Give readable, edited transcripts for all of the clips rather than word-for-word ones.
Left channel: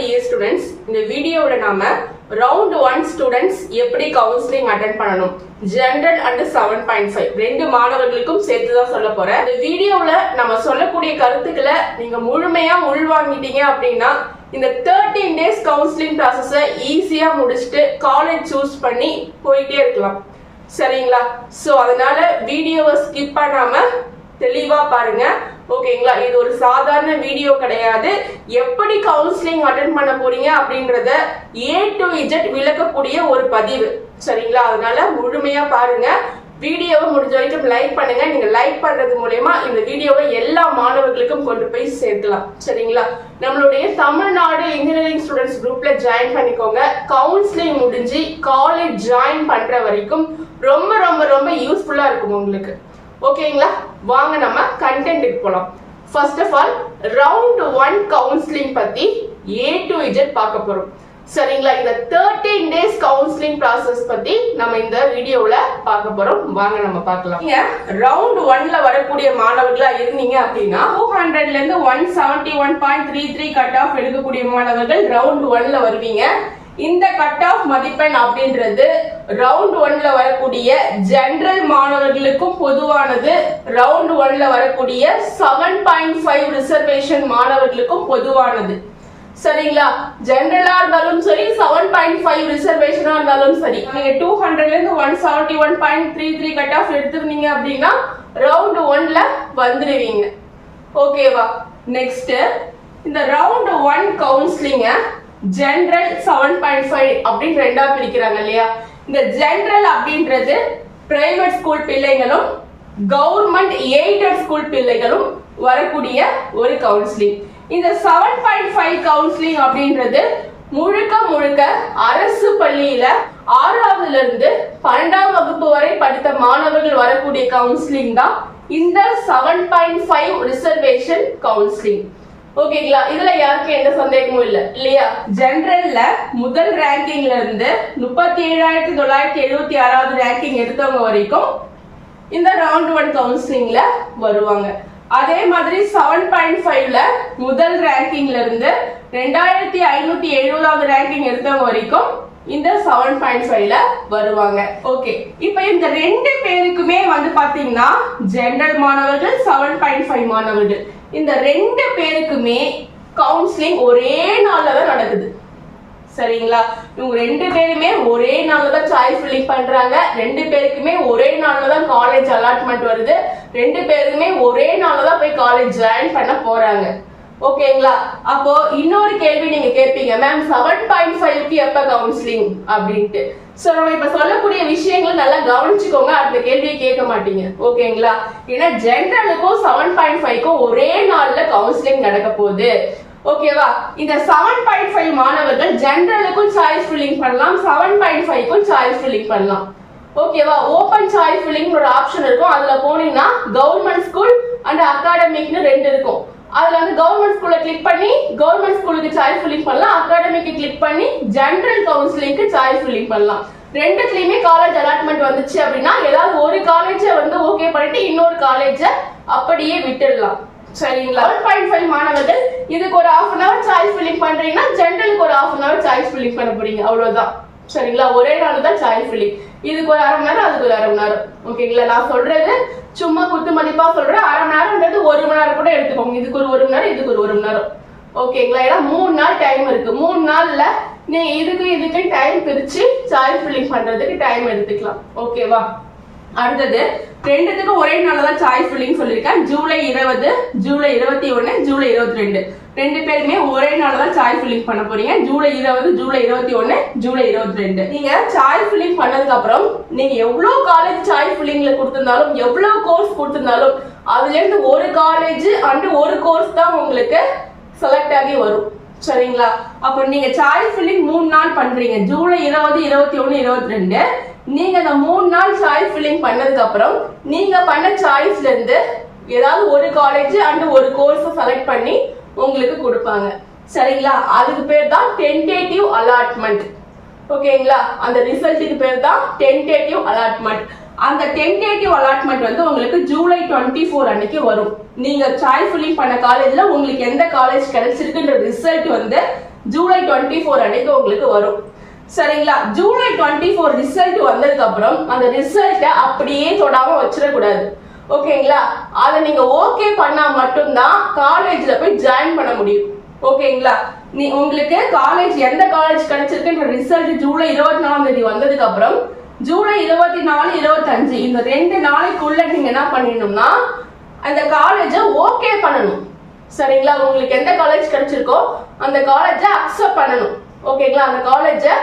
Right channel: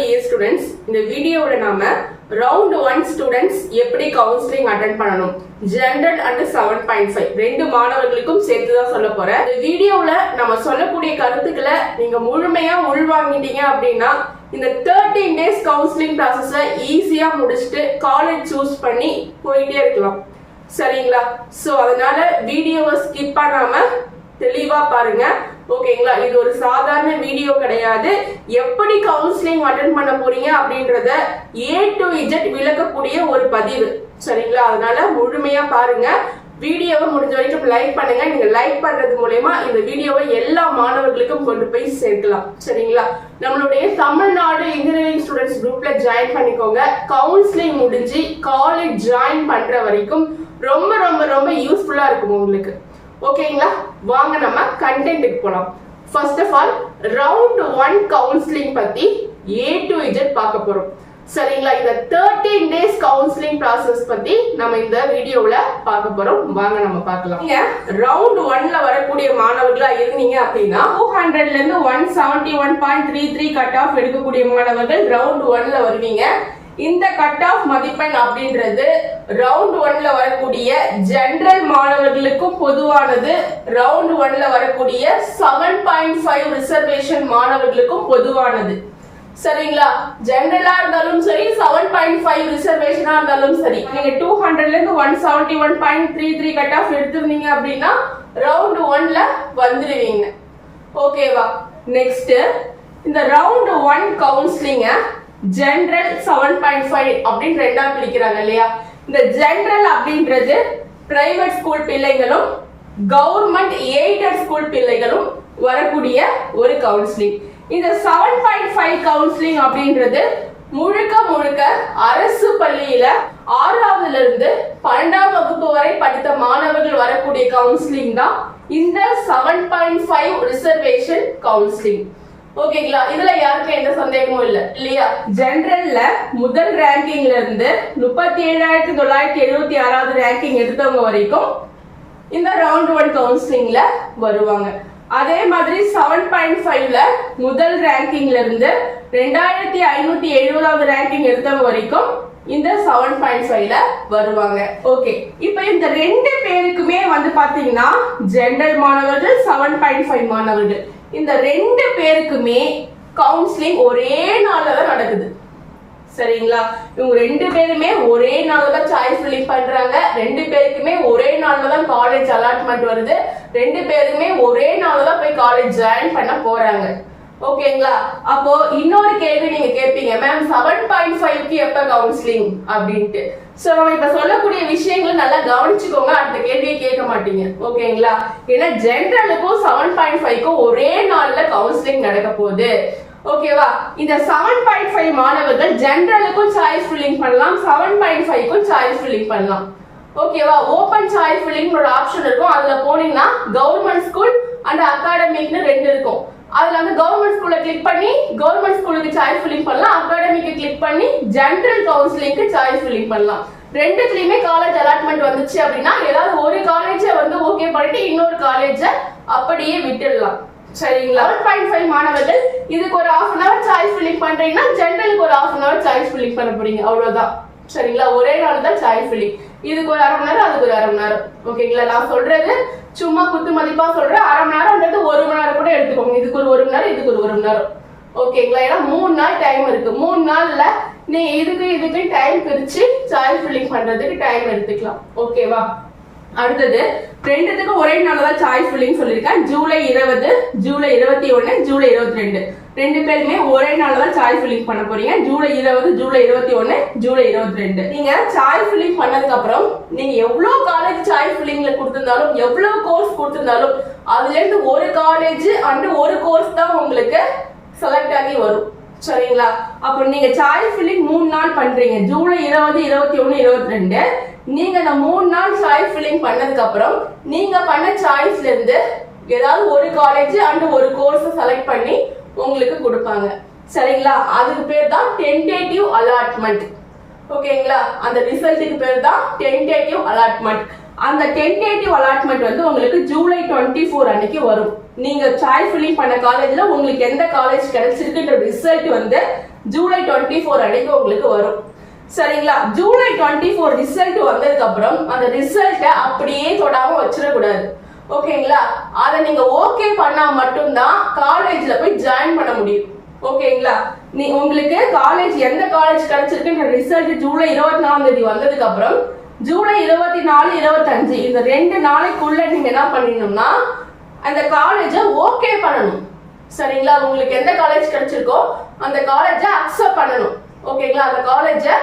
dear students, இந்த வீடியோவோட நாம round 1 students எப்படி counseling attend பண்ணணும் general and 7.5 ரெண்டு மாணவர்களுக்கும் சேர்த்து தான் சொல்ல போறேன். இந்த வீடியோல நம்ம சொல்லக்கூடிய கருத்துக்களை நீங்க முழுமையா உள்வாங்கிட்டீங்க அப்படின்னா இந்த 13 days counseling process ஈஸியா முடிச்சிட்டு காலேஜ் சூஸ் பண்ணி போயிட்டே இருக்கலாம். சரிங்களா? சோ அதனால வீடியோவை ஸ்கிப் பண்ணாம தெளிவா பாருங்க. ஓகேங்களா? இது ஒரு சாதாரண வீடியோ கிடையாது. எப்படி கவுன்சிலிங் அட்டெண்ட் பண்ண போறீங்க அப்படின்றத A to Z விளக்கக்கூடிய ஒரு பதிவு. சரிங்களா? அதனால முழுமையா பாருங்க. வீடியோவை முடிஞ்ச வரைக்கும் லைக் பண்ணுங்க. நீங்க லைக் பண்றது மூலமா இந்த வீடியோவை எல்லா மாணவர்களுக்கும் கொண்டு போய் சேர்க்கலாம். சரிங்களா? நம்மளுடைய தமிழ்நாடு இன்ஜினியரிங் ஸ்டூடெண்ட்ஸ் குரூப்ல ஜாயின் பண்ணிக்கோங்க. கவுன்சிலிங் முடிஞ்சு காலேஜ் ஜாயின் பண்ற வரைக்கும் ரொம்ப ரொம்ப ரொம்ப யூஸ்ஃபுல்லா இருக்கும் உங்களுக்கு. ஓகேங்களா? வாங்க நம்ம கண்டென்ட்க்கு போலாம். First of all round 1 counselling பத்தி A to Z பார்க்க போறோம். சரிங்களா? இந்த 13 days கவுன்சிலிங் process பத்தி நம்ம இந்த வீடியோல பார்க்க போறோம். வாங்க நம்ம பார்க்கலாம். நீங்க ரவுண்ட் 1ல வரக்கூடிய மாணவர்களா இருந்தீங்க அப்படின்னா 200ல இருந்து 171.33 கட் ஆஃப் எடுக்கக்கூடிய மாணவர்கள் ரவுண்ட் 1ல வருவீங்க. இந்த கட் ஆஃப் மதிப்பெண் அப்படின்றது ரவுண்ட் 1ல வரக்கூடிய ஜெனரல் மாணவர்களுக்கும் பொதுவானது. ரவுண்ட் 1ல வரக்கூடிய 7.5 ரிசர்வேஷன் மாணவர்களுக்கும் பொதுவானது. சரிங்களா? ஜெனரலா இருந்தாலும் சரி 7.5 ரிசர்வேஷனா இருந்தாலும் சரி நீங்க 200ல இருந்து 171.33 கட் ஆஃப் எடுத்துருந்தீங்க அப்படின்னா ரவுண்ட் 1ல வந்துருவீங்க. ஓகேவா? நெக்ஸ்ட் இந்த ரவுண்ட் 1 கவுன்சிலிங்க ஜெனரல் 7.5 அப்படின்னு ரெண்டா பிரிக்கிறாங்க இல்லையா? இந்த ஜெனரல் அப்படின்றது பிரைவேட் ஸ்கூல் பிள்ளைகளும் கவர்மெண்ட் எய்டட் ஸ்கூல் பிள்ளைகளும் வரக்கூடிய ஒரு கவுன்சிலிங். இந்த 7.5 கவுன்சிலிங் அப்படின்றது முழுக்க முழுக்க அரசு பள்ளியில 6வதுல இருந்து 12ஆம் வகுப்பு வரை படித்த மாணவர்கள் வரக்கூடிய கவுன்சிலிங் தான் இந்த 7.5 ரிசர்வேஷன் கவுன்சிலிங். ஓகேங்களா? இதுல யாருக்கும் எந்த சந்தேகமும் இல்ல இல்லையா? ஜெனரல்ல முதல் ரேங்கிங்ல இருந்து 37,976வது ரேங்கிங் எடுத்தவங்க வரைக்கும் இந்த ரவுண்ட் 1 கவுன்சிலிங்ல வருவாங்க. அதே மாதிரி 7.5ல முதல் ரேங்கிங்ல இருந்து 2570வது ரேங்கிங் எடுத்தவங்க வரைக்கும் இந்த 7.5ல வருவாங்க. ஓகே, இப்போ இந்த ரெண்டு பேருக்குமே வந்து பாத்தீங்கன்னா ஜெனரல் மாணவர்கள் 7.5 மாணவர்கள் இந்த ரெண்டு பேருக்குமே கவுன்சிலிங் ஒரே நாள்ல தான் நடக்குது. சரிங்களா? இவங்க ரெண்டு பேருமே ஒரே நாள்ல தான் சாய்ஸ் ஃபில்லிங் பண்றாங்க. ரெண்டு பேருக்குமே ஒரே நாள்ல தான் காலேஜ் அலாட்மெண்ட் வருது. ரெண்டு பேருமே ஒரே நாள்ல தான் போய் காலேஜ் ஜாயின் பண்ண போறாங்க. ஓகேங்களா? அப்போ இன்னொரு கேள்வி நீங்க கேட்பீங்க, மேம் 7.5க்கு எப்ப கவுன்சிலிங் அப்படின்ட்டு. சோ நம்ம இப்ப சொல்லக்கூடிய விஷயங்கள் நல்லா கவனிச்சுக்கோங்க. அந்த கேள்வியை கேட்க மாட்டீங்க. ஓகேங்களா? ஏன்னா ஜெனரலுக்கும் 7.5க்கும் ஒரே நாள்ல கவுன்சிலிங் நடக்க போகுது. ஓகேவா? இந்த 7.5 மாணவர்கள் ஜெனரலுக்கும் சாய்ஸ் ஃபில்லிங் பண்ணலாம், 7.5க்கும் சாய்ஸ் ஃபில்லிங் பண்ணலாம். ஓகேவா? ஓபன் சாய்ஸ் ஃபில்லிங் ஒரு ஆப்ஷன் இருக்கும். அதுல போனீங்கன்னா கவர்மெண்ட் ஸ்கூல் அண்ட் அகாடமிக்னு ரெண்டு இருக்கும். அதுல வந்து கவர்மெண்ட் ஸ்கூல்ல கிளிக் பண்ணி கவர்மெண்ட் ஸ்கூலுக்கு சாய்ஸ் ஃபில்லிங் பண்ணலாம், அகாடமிக்கு கிளிக் பண்ணி ஜெனரல் கவுன்சிலிங்க்கு சாய்ஸ் ஃபில்லிங் பண்ணலாம். ரெண்டுத்துலயுமே காலேஜ் அலாட்மெண்ட் வந்துச்சு அப்படின்னா ஏதாவது ஒரு காலேஜ வந்து ஓகே பண்ணிட்டு இன்னொரு காலேஜ அப்படியே விட்டுடலாம். சரிங்களா? 7.5 மாணவர்கள் இதுக்கு ஒரு 1/2 hour சாய்ஸ் ஃபில்லிங் பண்றீங்கன்னா ஜெனரலுக்கு ஒரு 1/2 hour சாய்ஸ் ஃபில்லிங் பண்ண போறீங்க. அவ்வளவுதான். சரிங்களா? ஒரே நாள் தான் சாய்ஸ் ஃபில்லிங். இதுக்கு ஒரு 1/2 மணி நேரம், அதுக்கு ஒரு 1/2 மணி நேரம். ஓகேங்களா? நான் சொல்றது சும்மா குத்து மதிப்பா சொல்றேன். 1/2 மணி நேரம்ன்றது 1 மணி நேரம் கூட எடுத்துக்கோங்க. இதுக்கு ஒரு 1 மணி நேரம், இதுக்கு ஒரு 1 மணி நேரம். ஓகேங்களா? ஏன்னா 3 நாள் டைம் இருக்கு. 3 நாள்ல நீ இதுக்கு டைம் பிரிச்சு சாய்ஸ் ஃபில்லிங் பண்றதுக்கு டைம் எடுத்துக்கலாம். ஓகேவா? அடுத்தது ரெண்டுத்துக்கு ஒரே நாள் தான் சாய்ஸ் ஃபில்லிங் சொல்லியிருக்கேன். ஜூலை 20, ஜூலை 21, ஜூலை 22 ரெண்டு பேருமே ஒரே நாள் தான் சாய்ஸ் ஃபில்லிங் பண்ண போறீங்க. ஜூலை 20, ஜூலை 21, ஜூலை 22 நீங்க சாய்ஸ் ஃபில்லிங் பண்ணதுக்கு அப்புறம் நீங்க எவ்வளவு காலேஜ் சாய்ஸ் ஃபில்லிங்ல கொடுத்திருந்தாலும் எவ்வளவு கோர்ஸ் கொடுத்திருந்தாலும் அதுல இருந்து ஒரு காலேஜ் அண்ட் ஒரு கோர்ஸ் தான் உங்களுக்கு செலக்ட் ஆகி வரும். சரிங்களா? அப்ப நீங்க சாய்ஸ் ஃபில்லிங் 3 நாள் பண்றீங்க. ஜூலை 20, 21, 22 நீங்க இந்த 3 நாள் சாய்ஸ் ஃபில்லிங் பண்ணதுக்கு அப்புறம் நீங்க பண்ண சாய்ஸ்ல இருந்து ஏதாவது ஒரு காலேஜ் அண்ட் ஒரு கோர்ஸ் செலக்ட் பண்ணி உங்களுக்கு கொடுப்பாங்க. சரிங்களா? அதுக்கு பேர் தான் டென்டேட்டிவ் அலாட்மெண்ட். ஓகேங்களா? அந்த ரிசல்ட்டுக்கு பேர் தான் டென்டேட்டிவ் அலாட்மெண்ட். அந்த டென்டேட்டிவ் அலாட்மெண்ட் வந்து உங்களுக்கு ஜூலை 24 அன்னைக்கு வரும். நீங்க சாய்ஸ் ஃபில்லிங் பண்ண காலேஜ்ல உங்களுக்கு எந்த காலேஜ் கிடைச்சிருக்குன்ற ரிசல்ட் வந்து ஜூலை 24 அன்னைக்கு உங்களுக்கு வரும். சரிங்களா? ஜூலை 24 ரிசல்ட் வந்ததுக்கு அப்புறம் அந்த ரிசல்ட்டை அப்படியே தொடாம வச்சிடக்கூடாது. ஓகேங்களா? அதை நீங்க ஓகே பண்ணா மட்டும்தான் காலேஜ்ல போய் ஜாயின் பண்ண முடியும். ஓகேங்களா? உங்களுக்கு காலேஜ் எந்த காலேஜ் கிடைச்சிருக்குன்ற ரிசல்ட் ஜூலை 24 வந்ததுக்கு அப்புறம் ஜூலை 24, 25 இந்த 2 நாளைக்குள்ள நீங்க என்ன பண்ணிடணும்னா அந்த காலேஜை ஓகே பண்ணணும். சரிங்களா? உங்களுக்கு எந்த காலேஜ் கிடைச்சிருக்கோ அந்த காலேஜை அக்செப்ட் பண்ணணும். ஓகேங்களா? அந்த காலேஜை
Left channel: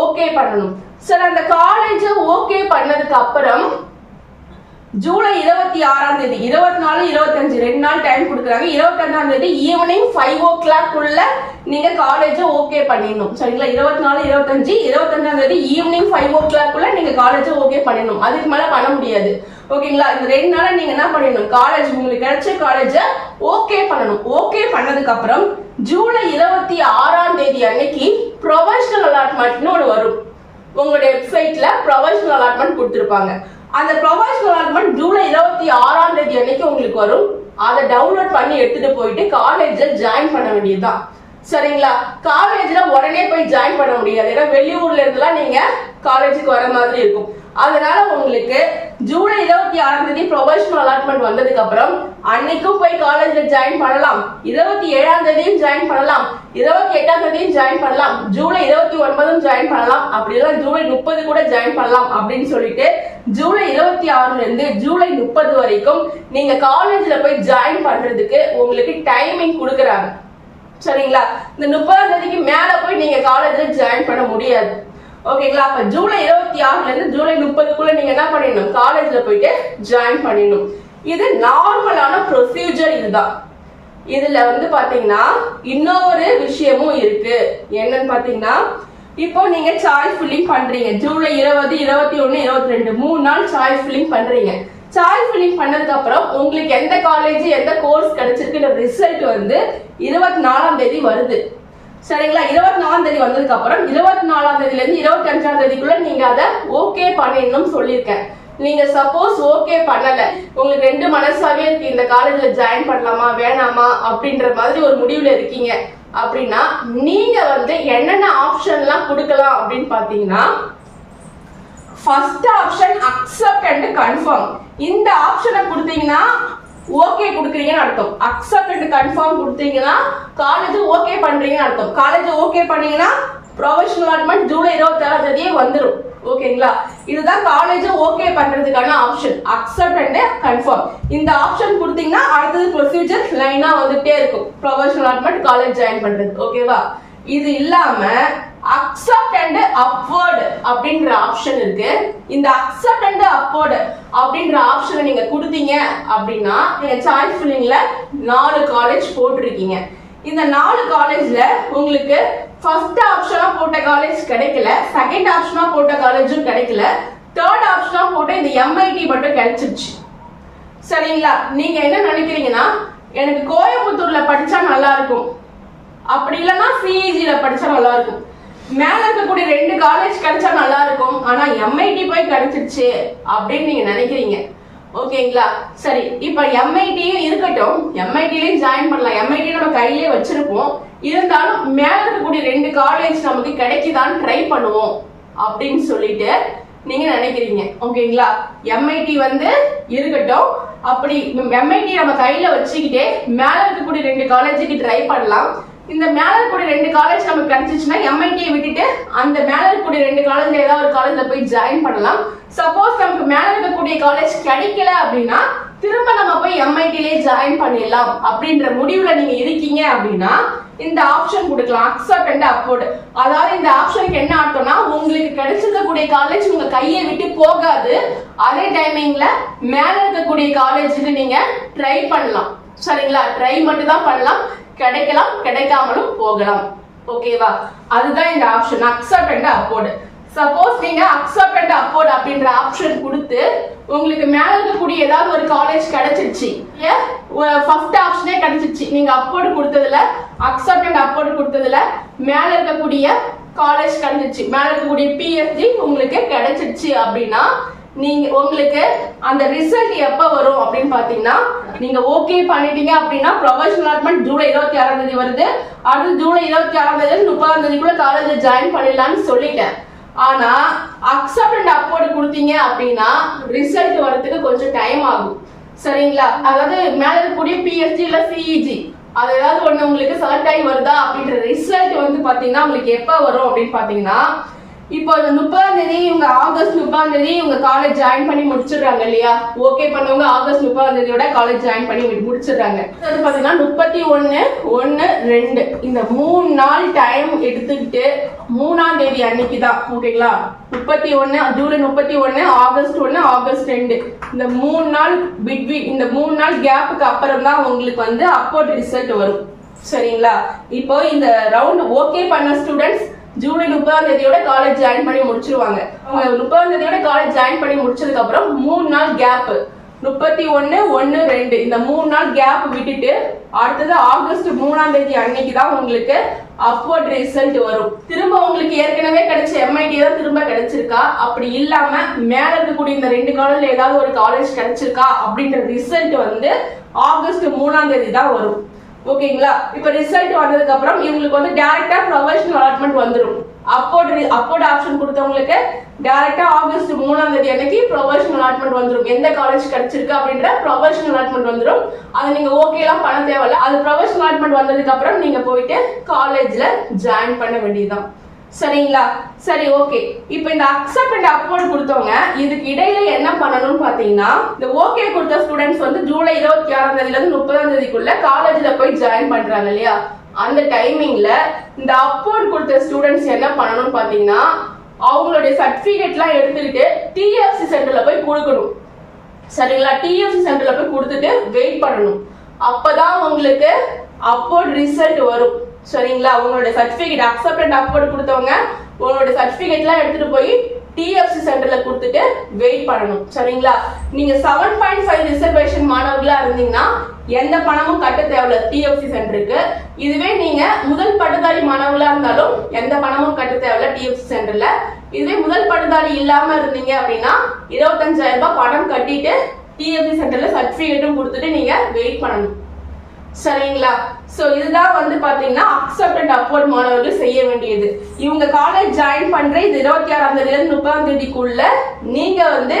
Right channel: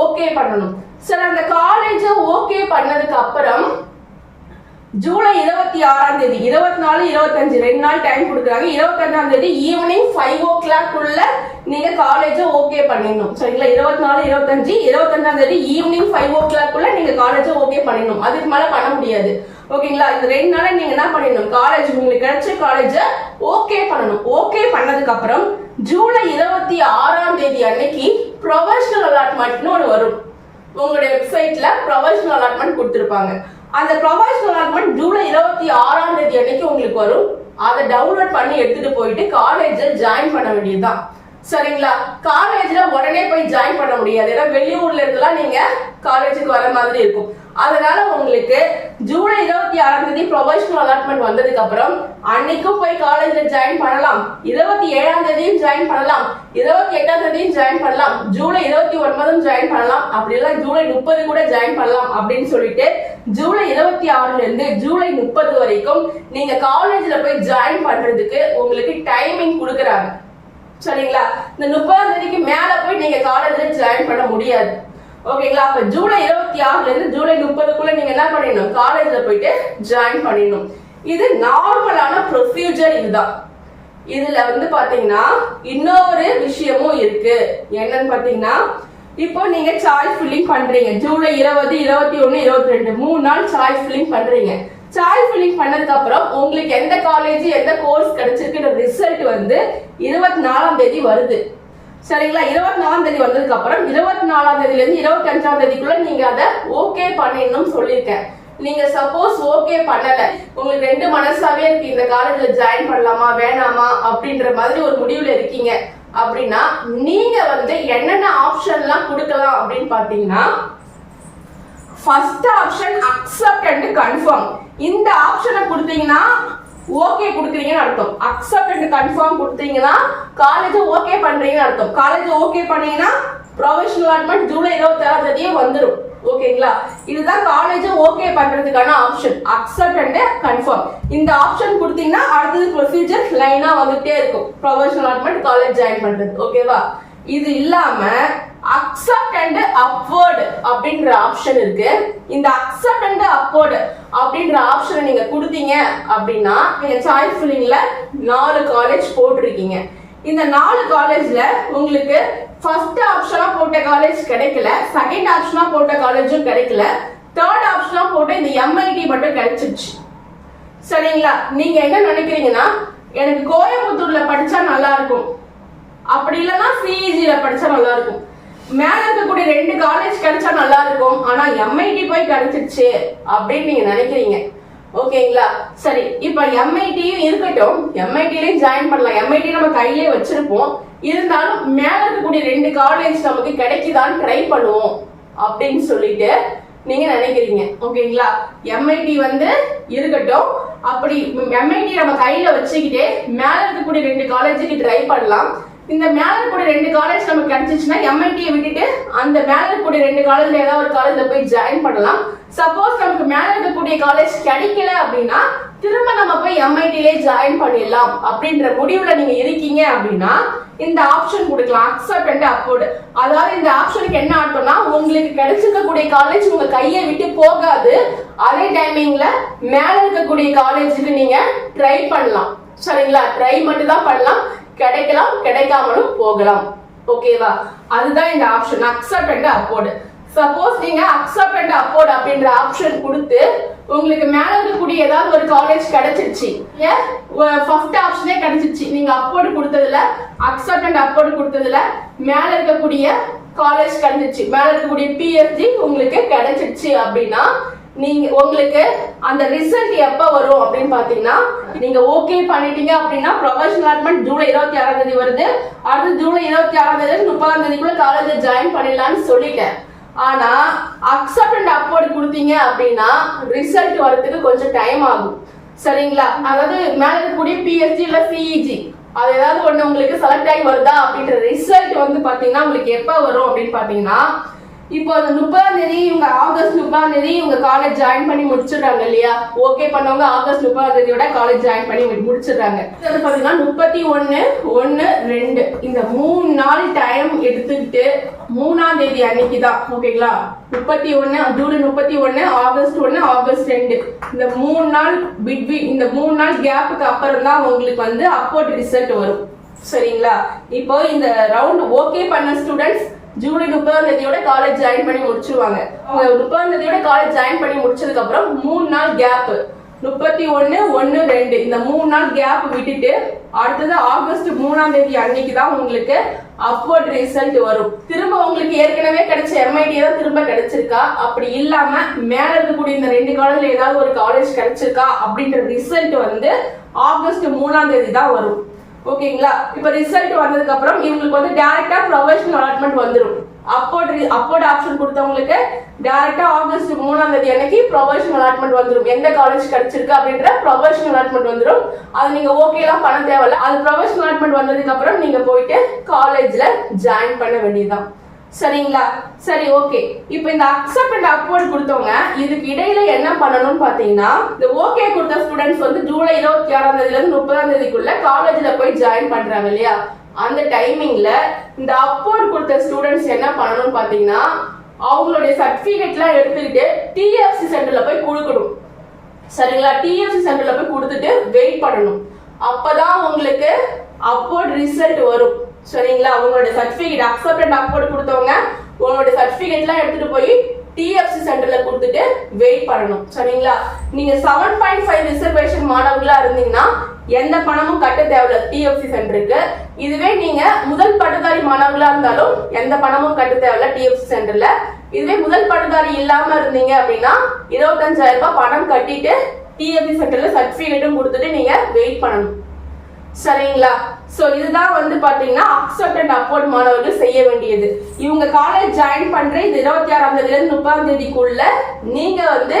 ஓகே பண்ணணும். சரி, அந்த காலேஜை ஓகே பண்ணதுக்கு அப்புறம் ஜூலை 26 24, 25 2 நாள் டைம் கொடுக்குறாங்க. 25 ஈவினிங் 5 o'clock நீங்க காலேஜை ஓகே பண்ணிடணும். சரிங்களா? 24, 25 25 ஈவினிங் 5 o'clock நீங்க காலேஜை ஓகே பண்ணிடணும். அதுக்கு மேல பண்ண முடியாது. ஓகேங்களா? இந்த 2 நாள நீங்க என்ன பண்ணிடணும், காலேஜ் உங்களுக்கு கிடைச்ச காலேஜை ஓகே பண்ணணும். ஓகே பண்ணதுக்கு அப்புறம் ஜூலை 26 அன்னைக்கு ப்ரொஃபஷனல் அலாட்மெண்ட்னு ஒன்று வரும். உங்களுடைய வெப்சைட்ல ப்ரொஃபஷனல் அலாட்மெண்ட் கொடுத்துருப்பாங்க. அந்த ப்ரொஃபஷனல் அலாட்மெண்ட் ஜூலை 26 அன்னைக்கு உங்களுக்கு வரும். அதை டவுன்லோட் பண்ணி எடுத்துட்டு போயிட்டு காலேஜில் ஜாயின் பண்ண வேண்டியதுதான். சரிங்களா? காலேஜ்ல உடனே போய் ஜாயின் பண்ண முடியாது. ஏன்னா வெளியூர்ல இருந்தெல்லாம் நீங்க காலேஜுக்கு வர மாதிரி இருக்கும். அதனால உங்களுக்கு ஜூலை 26 ப்ரொஃபஷனல் அலாட்மெண்ட் வந்ததுக்கு அப்புறம் அன்னைக்கும் போய் காலேஜ்ல ஜாயின் பண்ணலாம். 27 ஜாயின் பண்ணலாம். 28 ஜாயின் பண்ணலாம். ஜூலை 29 ஜாயின் பண்ணலாம். அப்படி இல்லை ஜூலை 30 கூட ஜாயின் பண்ணலாம் அப்படின்னு சொல்லிட்டு ஜூலை 26 இருந்து ஜூலை 30 வரைக்கும் நீங்க காலேஜ்ல போய் ஜாயின் பண்றதுக்கு உங்களுக்கு டைமிங் கொடுக்குறாங்க. சரிங்களா? இந்த 30 மேல போய் நீங்க காலேஜ்ல ஜாயின் பண்ண முடியாது. ஓகேங்களா? அப்ப ஜூலை 26 இருந்து ஜூலை 30 நீங்க என்ன பண்ணிடணும், காலேஜ்ல போயிட்டு ஜாயின் பண்ணிடணும். இது நார்மலான ப்ரொசீஜர். இதுதான். இதுல வந்து பாத்தீங்கன்னா இன்னொரு விஷயமும் இருக்கு. என்னன்னு பாத்தீங்கன்னா, இப்போ நீங்க சாய்ஸ் ஃபில்லிங் பண்றீங்க. ஜூலை 20, 21, 22 3 நாள் சாய்ஸ் ஃபில்லிங் பண்றீங்க. சாய்ஸ் ஃபில்லிங் பண்ணதுக்கு அப்புறம் உங்களுக்கு எந்த காலேஜ் எந்த கோர்ஸ் கிடைச்சிருக்குன்ற ரிசல்ட் வந்து 24 வருது. சரிங்களா? 24 வந்ததுக்கு அப்புறம் 24 இருந்து 25 நீங்க அதை ஓகே பண்ணிடணும் சொல்லியிருக்கேன். நீங்க சப்போஸ் ஓகே பண்ணல, உங்களுக்கு 2 மனசாவே இருக்கு, இந்த காலேஜ்ல ஜாயின் பண்ணலாமா வேணாமா அப்படின்ற மாதிரி ஒரு முடிவுல இருக்கீங்க அப்படின்னா நீங்க வந்து என்னென்ன ஆப்ஷன்லாம் கொடுக்கலாம் அப்படின்னு பாத்தீங்கன்னா, first option accept and confirm. இந்த ஆப்ஷனை கொடுத்தீங்கன்னா ஓகே கொடுக்குறீங்கன்னு அர்த்தம். அக்செப்ட் அண்ட் கன்ஃபார்ம் கொடுத்தீங்கன்னா காலேஜ் ஓகே பண்றீங்கன்னு அர்த்தம். காலேஜ் ஓகே பண்ணீங்கன்னா ப்ரொஃபஷனல் அலாட்மெண்ட் ஜூலை 26 வந்துடும். ஓகேங்களா? இதுதான் காலேஜ் ஓகே பண்றதுக்கான ஆப்ஷன், அக்செப்ட் அண்ட் கன்ஃபார்ம். இந்த ஆப்ஷன் கொடுத்தீங்கன்னா அடுத்தது ப்ரொசீஜர் லைனா வந்துட்டே இருக்கும், ப்ரொஃபஷனல் அலாட்மெண்ட் காலேஜ் ஜாயின் பண்றது. ஓகேவா? இது இல்லாம அக்செப்ட் அண்ட் அப்வர்ட் அப்படின்ற ஆப்ஷன் இருக்கு. இந்த அக்செப்ட் அண்ட் அப்வர்ட் அப்படின்ற ஆப்ஷனை நீங்க கொடுத்தீங்க அப்படின்னா நீங்க சாய்ஸ் ஃபில்லிங்ல 4 காலேஜ் போட்டிருக்கீங்க. இந்த 4 காலேஜ்ல உங்களுக்கு ஃபர்ஸ்ட் ஆப்ஷனா போட்ட காலேஜ் கிடைக்கல, செகண்ட் ஆப்ஷனா போட்ட காலேஜும் கிடைக்கல, தேர்ட் ஆப்ஷனா போட்ட இந்த MIT மட்டும் கிடைச்சிருச்சு. சரிங்களா? நீங்க என்ன நினைக்கிறீங்கன்னா, எனக்கு கோயம்புத்தூர்ல படிச்சா நல்லா இருக்கும், அப்படி இல்லைன்னா CEGல படிச்சா நல்லா இருக்கும், மேல இருக்கக்கூடிய 2 காலேஜ் கிடைச்சா நல்லா இருக்கும், ஆனா MIT போய் கிடைச்சிருச்சு அப்படின்னு நீங்க நினைக்கிறீங்க. ஓகேங்களா? சரி, இப்ப MITயும் இருக்கட்டும், MITலயும் ஜாயின் பண்ணலாம். MIT நம்ம கையிலே வச்சிருப்போம். இருந்தாலும் மேல இருக்கக்கூடிய 2 காலேஜ் நமக்கு கிடைக்குதான்னு ட்ரை பண்ணுவோம் அப்படின்னு சொல்லிட்டு நீங்க நினைக்கிறீங்க. ஓகேங்களா? MIT வந்து இருக்கட்டும், அப்படி MIT நம்ம கையில வச்சுக்கிட்டே மேல இருக்கக்கூடிய 2 காலேஜுக்கு ட்ரை பண்ணலாம். இந்த மேல இருக்கக்கூடிய 2 காலேஜ் நமக்கு கிடைச்சிச்சுன்னா MIT-யை விட்டுட்டு அந்த மேல இருக்கக்கூடிய 2 காலேஜ்ல ஏதாவது ஒரு காலேஜ்ல போய் ஜாயின் பண்ணலாம். சப்போஸ் நமக்கு மேல இருக்கக்கூடிய காலேஜ் கிடைக்கல அப்படின்னா திரும்ப நம்ம போய் MIT-லே ஜாயின் பண்ணிடலாம் அப்படின்ற முடிவுல நீங்க இருக்கீங்க அப்படின்னா இந்த ஆப்ஷன் கொடுக்கலாம், அக்செப்ட் அண்ட் அப்வர்ட். அதாவது இந்த ஆப்ஷனுக்கு என்ன அர்த்தம்னா, உங்களுக்கு கிடைச்சிருக்கக்கூடிய காலேஜ் உங்க கையை விட்டு போகாது, அதே டைமிங்ல மேல இருக்கக்கூடிய காலேஜுக்கு நீங்க ட்ரை பண்ணலாம். சரிங்களா? ட்ரை மட்டும் தான் பண்ணலாம், கிடைக்கலாம் கிடைக்காமலும் போகலாம். ஓகேவா? அதுதான் இந்த option accept and upward. Suppose நீங்க அக்செப்ட் அண்ட் அப்வர்ட் அப்படின்ற ஆப்ஷன் கொடுத்து உங்களுக்கு மேல இருக்கக்கூடிய ஏதாவது ஒரு காலேஜ் கிடைச்சிருச்சு, ஃபர்ஸ்ட் ஆப்ஷனே கிடைச்சிருச்சு, நீங்க அப்வர்ட் கொடுத்ததுல அக்செப்ட் அண்ட் அப்வர்ட் கொடுத்ததுல மேல இருக்கக்கூடிய காலேஜ் கிடைச்சிருச்சு, மேல இருக்கக்கூடிய PSG உங்களுக்கு கிடைச்சிருச்சு அப்படின்னா நீங்க உங்களுக்கு அந்த ரிசல்ட் எப்ப வரும் அப்படின்னு பாத்தீங்கன்னா, நீங்க ஓகே பண்ணிட்டீங்க அப்படின்னா ப்ரொஃபஷனல் அலாட்மெண்ட் ஜூலை 26ஆம் தேதி வருது. அடுத்து ஜூலை 26ஆம் தேதி 30ஆம் தேதிக்குள்ள காலேஜ்ல ஜாயின் பண்ணிடலாம்னு சொல்லிட்டேன். ஆனா அக்செப்ட் அண்ட் அப்வோர்ட் கொடுத்தீங்க அப்படின்னா ரிசல்ட் வரதுக்கு கொஞ்சம் டைம் ஆகும். சரிங்களா? அதாவது மேல இருக்கக்கூடிய பிஎஸ்ஜி இல்ல சிஇஜி அது ஏதாவது ஒண்ணு உங்களுக்கு செலக்ட் ஆகி வருதா அப்படின்ற ரிசல்ட் வந்து பாத்தீங்கன்னா உங்களுக்கு எப்ப வரும் அப்படின்னு பாத்தீங்கன்னா, இப்போ 30ஆம் தேதி இவங்க ஆகஸ்ட் 30ஆம் தேதி இவங்க காலேஜ் ஜாயின் பண்ணி முடிச்சிடுறாங்க இல்லையா? ஓகே பண்ணவங்க ஆகஸ்ட் 30ஆம் தேதியோட காலேஜ் ஜாயின் பண்ணி முடிச்சிடுறாங்க. அது பாத்தீங்கன்னா 31/1/2 இந்த 3 நாள் டைம் எடுத்துக்கிட்டு 3ஆம் தேதி அன்னைக்கு தான் ஓகேங்களா? 31 ஜூலை 31 ஆகஸ்ட் 1 ஆகஸ்ட் 2 இந்த 3 நாள் பிட்வீன் இந்த 3 நாள் கேப்புக்கு அப்புறம் தான் உங்களுக்கு வந்து அப்வோர்ட் ரிசல்ட் வரும். சரிங்களா? இப்போ இந்த ரவுண்ட் ஓகே பண்ண ஸ்டூடெண்ட்ஸ் ஜூலை 30ஆம் தேதியோட காலேஜ் ஜாயின் பண்ணி முடிச்சிருவாங்க. அவங்க 30ஆம் தேதியோட காலேஜ் ஜாயின் பண்ணி முடிச்சதுக்கு அப்புறம் 3 நாள் கேப் 31/1/2 இந்த 3 நாள் கேப் விட்டுட்டு அடுத்தது ஆகஸ்ட் 3ஆம் தேதி அன்னைக்கு தான் உங்களுக்கு அப்வோர்ட் ரிசல்ட் வரும். திரும்ப உங்களுக்கு ஏற்கனவே கிடைச்ச எம்ஐடி தான் திரும்ப கிடைச்சிருக்கா, அப்படி இல்லாம மேல இருக்கக்கூடிய இந்த 2 காலேஜ்ல ஏதாவது ஒரு காலேஜ் கிடைச்சிருக்கா அப்படின்ற ரிசல்ட் வந்து ஆகஸ்ட் 3ஆம் தேதி தான் வரும். ஓகேங்களா? இப்ப ரிசல்ட் வந்ததுக்கு அப்புறம் இவங்களுக்கு வந்து டைரக்டா ப்ரொஃபஷனல் அலாட்மெண்ட் வந்துடும். அப்போர்ட் ஆப்ஷன் கொடுத்தவங்களுக்கு டைரக்டா ஆகஸ்ட் 3ஆம் தேதி அன்னைக்கு ப்ரொஃபஷனல் அலாட்மெண்ட் வந்துடும். எந்த காலேஜ் கிடைச்சிருக்கு அப்படின்ற ப்ரொஃபஷனல் அலாட்மெண்ட் வந்துடும். அது நீங்க ஓகே எல்லாம் பண்ண தேவையில்ல. அது ப்ரொஃபஷனல் அலாட்மெண்ட் வந்ததுக்கு அப்புறம் நீங்க போயிட்டு காலேஜ்ல ஜாயின் பண்ண வேண்டியதுதான். சரிங்களா? சரி, ஓகே. இப்போ இந்த அக்செப்ட் அண்ட் அப்வோர்ட் கொடுத்தவங்க இதுக்கு இடையில என்ன பண்ணணும்னு பாத்தீங்கன்னா, இந்த ஓகே கொடுத்த ஸ்டூடெண்ட்ஸ் வந்து ஜூலை 26ஆம் தேதியில இருந்து 30ஆம் தேதிக்குள்ள காலேஜ்ல போய் ஜாயின் பண்றாங்க இல்லையா? அந்த டைமிங்ல இந்த அப்வோர்ட் கொடுத்த ஸ்டூடெண்ட்ஸ் என்ன பண்ணணும்னு பாத்தீங்கன்னா, அவங்களுடைய சர்டிபிகேட்லாம் எடுத்துக்கிட்டு டிஎஃப்சி சென்டர்ல போய் கொடுக்கணும். சரிங்களா? டிஎஃப்சி சென்டர்ல போய் கொடுத்துட்டு வெயிட் பண்ணணும். அப்பதான் உங்களுக்கு அப்வோர்ட் ரிசல்ட் வரும். சரிங்களா? உங்களுடைய சர்டிபிகேட் அக்செப்ட் அண்ட் அப்வோர்ட் கொடுத்தவங்க உங்களுடைய சர்டிபிகேட்லாம் எடுத்துட்டு போய் டிஎஃப்சி சென்டர்ல கொடுத்துட்டு வெயிட் பண்ணணும். சரிங்களா? நீங்க 7.5 ரிசர்வேஷன் மாணவர்களா இருந்தீங்கன்னா எந்த பணமும் கட்ட தேவையில்ல டிஎஃப்சி சென்டருக்கு. இதுவே நீங்க முதல் பட்டதாரி மாணவர்களா இருந்தாலும் எந்த பணமும் கட்ட தேவையில்ல டிஎஃப்சி சென்டர்ல. இதுவே முதல் பட்டதாரி இல்லாம இருந்தீங்க அப்படின்னா 25,000 ரூபாய் பணம் கட்டிட்டு டிஎஃப்சி சென்டர்ல சர்டிபிகேட்டும் கொடுத்துட்டு நீங்க வெயிட் பண்ணணும். சரிங்களா? சோ இதுதான் வந்து பாத்தீங்கன்னா அக்செப்ட் அண்ட் அப்வோர்ட் மாணவர்கள் செய்ய வேண்டியது. இவங்க காலேஜ் ஜாயின் பண்ற இந்த 26ஆம் தேதியில இருந்து 30ஆம் தேதிக்குள்ள நீங்க வந்து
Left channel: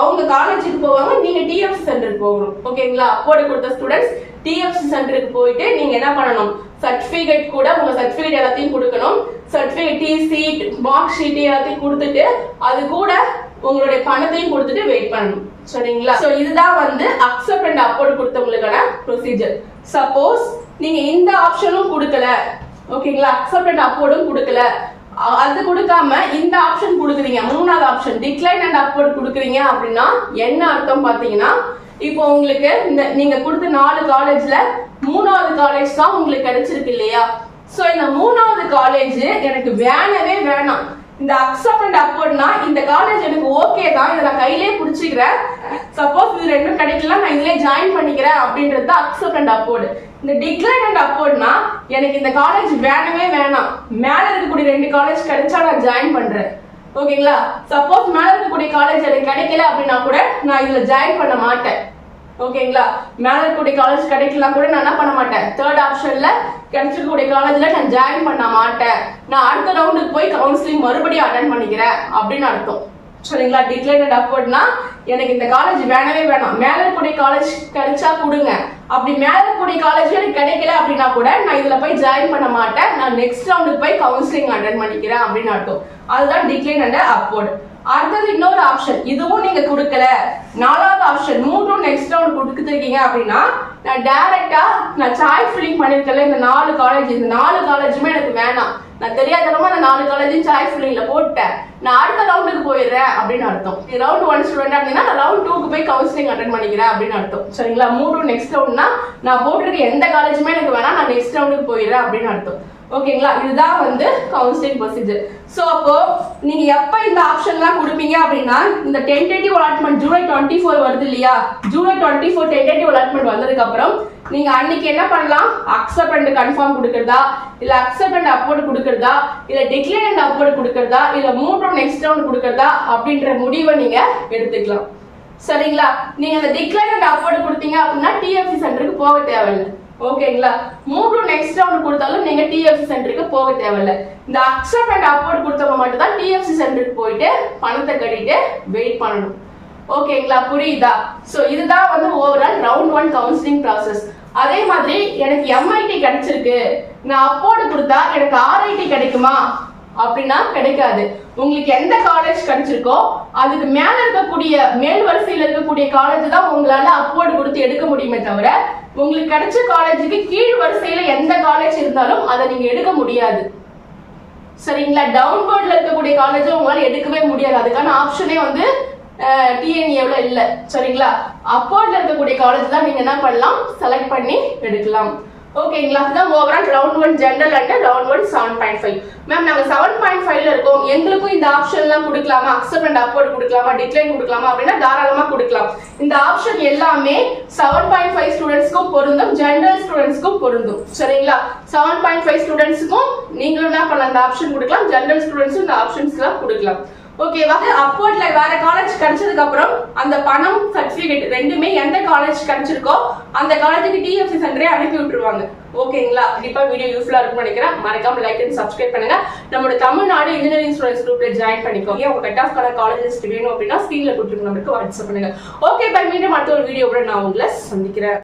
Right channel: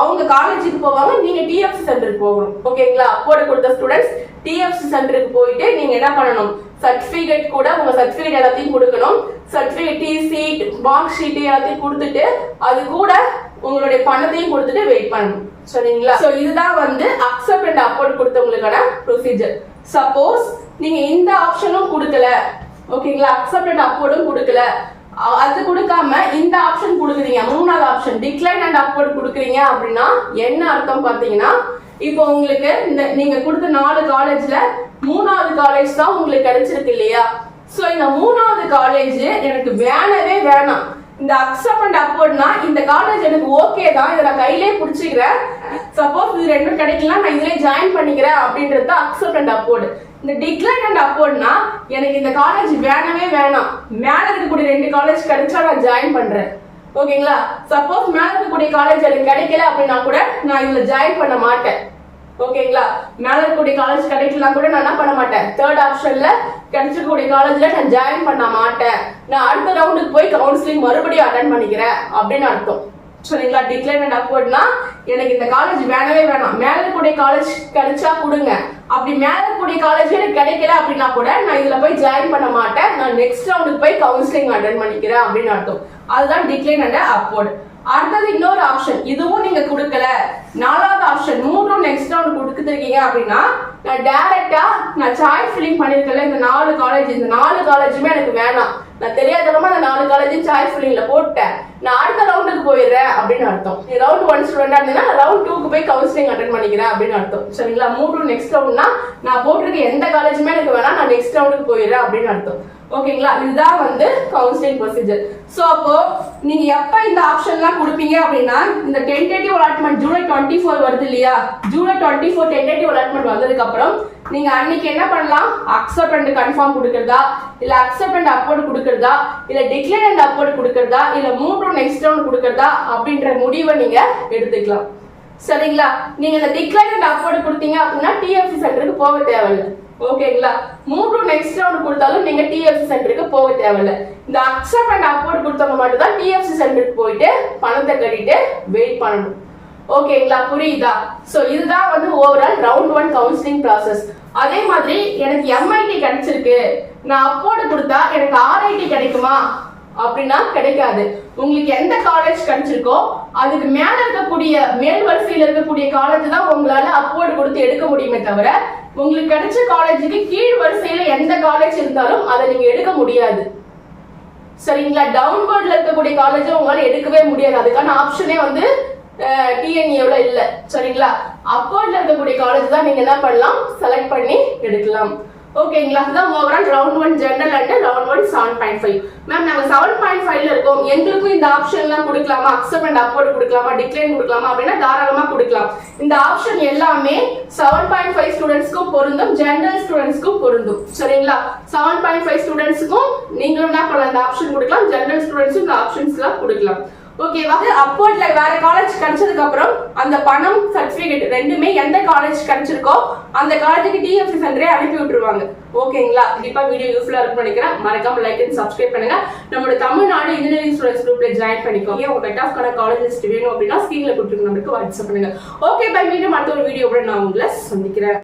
அவங்க காலேஜுக்கு போவாங்க, நீங்க டிஎஃப்சி சென்டருக்கு போகணும். ஓகேங்களா? அப்வோர்ட் கொடுத்த ஸ்டூடெண்ட்ஸ் டிஎஃப்சி சென்டருக்கு போயிட்டு நீங்க என்ன பண்ணணும், சர்டிபிகேட் கூட உங்க சர்டிபிகேட் எல்லாத்தையும் கொடுக்கணும். சர்டிபிகேட் டிசி மார்க் ஷீட் எல்லாத்தையும் கொடுத்துட்டு அது கூட உங்களுடைய பணத்தையும் கொடுத்துட்டு வெயிட் பண்ணணும். சரிங்களா? சோ இதுதான் வந்து அக்செப்ட் அண்ட் அப்வோர்ட் கொடுத்தவங்களுக்கான ப்ரொசீஜர். சப்போஸ் நீங்க இந்த ஆப்ஷனும் கொடுக்கல, ஓகேங்களா, அக்செப்ட் அண்ட் அப்வோர்டும் கொடுக்கல, அது கொடுக்காம இந்த ஆப்ஷன் கொடுக்குறீங்க, 3வது ஆப்ஷன் டிக்ளைன் அண்ட் அப்வோர்ட் கொடுக்குறீங்க அப்படின்னா என்ன அர்த்தம் பாத்தீங்கன்னா, இப்போ உங்களுக்கு இந்த நீங்க கொடுத்த 4 காலேஜ்ல 3வது காலேஜ் தான் உங்களுக்கு கிடைச்சிருக்கு இல்லையா? சோ இந்த 3வது காலேஜ் எனக்கு வேணவே வேணாம், இந்த அக்செப்ட் அண்ட் அப்வோர்ட்னா இந்த காலேஜ் எனக்கு ஓகே தான், இதை நான் கையிலே பிடிச்சிக்கிறேன், சப்போஸ் இது ரெண்டும் கிடைக்கலாம் நான் இதுல ஜாயின் பண்ணிக்கிறேன் அப்படின்றது அக்செப்ட் அண்ட் அப்வோர்ட். இந்த டிக்ளைன் அண்ட் அப்வோர்ட்னா எனக்கு இந்த காலேஜ் வேணவே வேணாம், மேல இருக்கக்கூடிய 2 காலேஜ் கிடைச்சா நான் ஜாயின் பண்றேன். ஓகேங்களா? சப்போஸ் மேல இருக்கக்கூடிய காலேஜ் எனக்கு கிடைக்கல அப்படின்னா கூட நான் இதுல ஜாயின் பண்ண மாட்டேன். ஓகேங்களா? மேல இருக்கக்கூடிய காலேஜ் கிடைக்கலாம் கூட நான் என்ன பண்ண மாட்டேன், 3rd ஆப்ஷன்ல கிடைச்சிருக்கக்கூடிய காலேஜ்ல நான் ஜாயின் பண்ண மாட்டேன், நான் அடுத்த ரவுண்டுக்கு போய் கவுன்சிலிங் மறுபடியும் அட்டெண்ட் பண்ணிக்கிறேன் அப்படின்னு அர்த்தம். சரிங்களா? டிக்ளைன் அண்ட் அப்வோர்ட்னா எனக்கு இந்த காலேஜ் வேணவே வேணாம், மேல இருக்கக்கூடிய காலேஜ் கிடைச்சா கொடுங்க, அப்படி மேல இருக்கக்கூடிய காலேஜ் எனக்கு கிடைக்கல அப்படின்னா கூட நான் இதுல போய் ஜாயின் பண்ண மாட்டேன், நான் நெக்ஸ்ட் ரவுண்டுக்கு போய் கவுன்சிலிங் அட்டெண்ட் பண்ணிக்கிறேன் அப்படின்னு அர்த்தம். அதுதான் டிக்ளைன் அண்ட் அப்வோர்ட். அடுத்தது இன்னொரு ஆப்ஷன், இதுவும் நீங்க கொடுக்கல, 4வது ஆப்ஷன் மூன்றும் நெக்ஸ்ட் ரவுண்ட் கொடுத்துருக்கீங்க அப்படின்னா நான் டைரக்டா நான் சாய்ஸ் ஃபில்லிங் பண்ணிருக்கல இந்த 4 காலேஜ், இந்த 4 காலேஜுமே எனக்கு வேணாம், நான் தெரியாதவங்க அந்த 4 காலேஜையும் சாய்ஸ் ஃபில்லிங்ல போட்டேன், நான் அடுத்த ரவுண்டுக்கு போயிடுறேன் அப்படின்னு அர்த்தம். நீ ரவுண்ட் 1 ஸ்டூடெண்டா இருந்தீங்கன்னா ரவுண்ட் 2க்கு போய் கவுன்சிலிங் அட்டெண்ட் பண்ணிக்கிறேன் அப்படின்னு அர்த்தம். சரிங்களா? 3 நெக்ஸ்ட் ரவுண்ட்னா நான் போட்டிருக்க எந்த காலேஜுமே எனக்கு வேணாம், நான் நெக்ஸ்ட் ரவுண்டுக்கு போயிடுறேன் அப்படின்னு அர்த்தம். ஓகேங்களா, இதுதான் வந்து கவுன்சிலிங் ப்ரொசீஜர். ஸோ அப்போ நீங்க எப்ப இந்த ஆப்ஷன்லாம் கொடுப்பீங்க அப்படின்னா, இந்த டென்டேட்டிவ் அலாட்மெண்ட் ஜூலை 24 வருது இல்லையா, ஜூலை 24 டென்டேட்டிவ் அலாட்மெண்ட் வந்ததுக்கு அப்புறம் நீங்க அன்னைக்கு என்ன பண்ணலாம், அக்செப்ட் அண்ட் கன்ஃபார்ம் கொடுக்கறதா, இல்ல அக்செப்ட் அண்ட் அப்போர்ட் கொடுக்கறதா, இல்ல டிக்ளேர் அண்ட் அப்போர்ட் கொடுக்கறதா, இல்ல மூவ் டு நெக்ஸ்ட் ரவுண்ட் கொடுக்கறதா அப்படின்ற முடிவை நீங்க எடுத்துக்கலாம். சரிங்களா, நீங்க இந்த டிக்ளேர் அண்ட் அப்போர்ட் கொடுத்தீங்க அப்படின்னா டிஎஃப்சி சென்டருக்கு போக தேவையில்லை. ஓகேங்களா, மூவ் டு நெக்ஸ்ட் ரவுண்ட் கொடுத்தாலும் நீங்க டிஎஃப்சி சென்டருக்கு போக தேவையில்லை. இந்த அக்செப்ட் அண்ட் அப்போர்ட் கொடுத்தவங்க மட்டும் தான் டிஎஃப்சி சென்டருக்கு போயிட்டு பணத்தை கட்டிட்டு வெயிட் பண்ணணும். ஓகேங்களா, புரியுதா? சோ இதுதான் வந்து ஓவரால் ரவுண்ட் 1 கவுன்சிலிங் ப்ராசஸ். அதே மாதிரி எனக்கு எம்ஐடி கிடைச்சிருக்கு, நான் அப்போர்ட் கொடுத்தா எனக்கு ஆர்ஐடி கிடைக்குமா அப்படின்னா கிடைக்காது. உங்களுக்கு எந்த காலேஜ் கிடைச்சிருக்கோ அதுக்கு மேல இருக்கக்கூடிய மேல் வரிசையில் இருக்கக்கூடிய காலேஜ் தான் உங்களால அப்போர்ட் கொடுத்து எடுக்க முடியுமே தவிர, உங்களுக்கு கிடைச்ச காலேஜுக்கு கீழ் வரிசையில எந்த காலேஜ் இருந்தாலும் அதை நீங்க எடுக்க முடியாது. சரிங்களா, டவுன்வர்ட்ல இருக்கக்கூடிய காலேஜ் உங்களால எடுக்கவே முடியாது. அதுக்கான ஆப்ஷனே வந்து டிஎன்ஏல இல்ல. சரிங்களா, அப்போர்ட்ல இருக்கக்கூடிய காலேஜ் தான் நீங்க என்ன பண்ணலாம், செலக்ட் பண்ணி எடுக்கலாம். ஓகேங்களா, இதுதான் overall round 1 general and round 1 7.5. Ma'am நாங்க 7.5ல இருக்கோம், எங்களுக்கும் இந்த ஆப்ஷன் எல்லாம் கொடுக்கலாமா, அக்செப்ட் அண்ட் அப்போர்ட் கொடுக்கலாமா, டிக்ளைன் கொடுக்கலாமா அப்படின்னா தாராளமா கொடுக்கலாம். இந்த ஆப்ஷன் எல்லாமே 7.5 ஸ்டூடெண்ட்ஸ்க்கும் பொருந்தும், ஜெனரல் ஸ்டூடெண்ட்ஸ்க்கும் பொருந்தும். சரிங்களா, 7.5 ஸ்டூடெண்ட்ஸ்க்கும் நீங்களும் என்ன பண்ணலாம், இந்த ஆப்ஷன் கொடுக்கலாம், ஜெனரல் ஸ்டூடெண்ட்ஸும் இந்த ஆப்ஷன்ஸ்லாம் கொடுக்கலாம். ஓகேவா, அப்போர்ட்ல வேற காலேஜ் கிடைச்சதுக்கு அப்புறம் அந்த பணம் சர்டிபிகேட் ரெண்டுமே எந்த காலேஜ் கிடைச்சிருக்கோ அந்த காலேஜுக்கு டிஎஃப்சி சென்டரே அனுப்பி விட்டுருவாங்க. ஓகேங்களா, கண்டிப்பா வீடியோ யூஸ்ஃபுல்லா இருக்கும்னு நினைக்கிறேன். மறக்காம லைக் அண்ட் சப்ஸ்கிரைப் பண்ணுங்க. நம்மளோட தமிழ்நாடு இன்ஜினியரிங் ஸ்டூடெண்ட்ஸ் குரூப்ல ஜாயின் பண்ணிக்கோங்க. உங்க கட் ஆஃப் கான காலேஜ் லிஸ்ட் வேணும் அப்படின்னா ஸ்கிரீன்ல கொடுத்துருக்க நம்பருக்கு வாட்ஸ்அப் பண்ணுங்க. ஓகே பை, மீண்டும் அடுத்த ஒரு வீடியோவோட நான் உங்களை சந்திக்கிறேன்.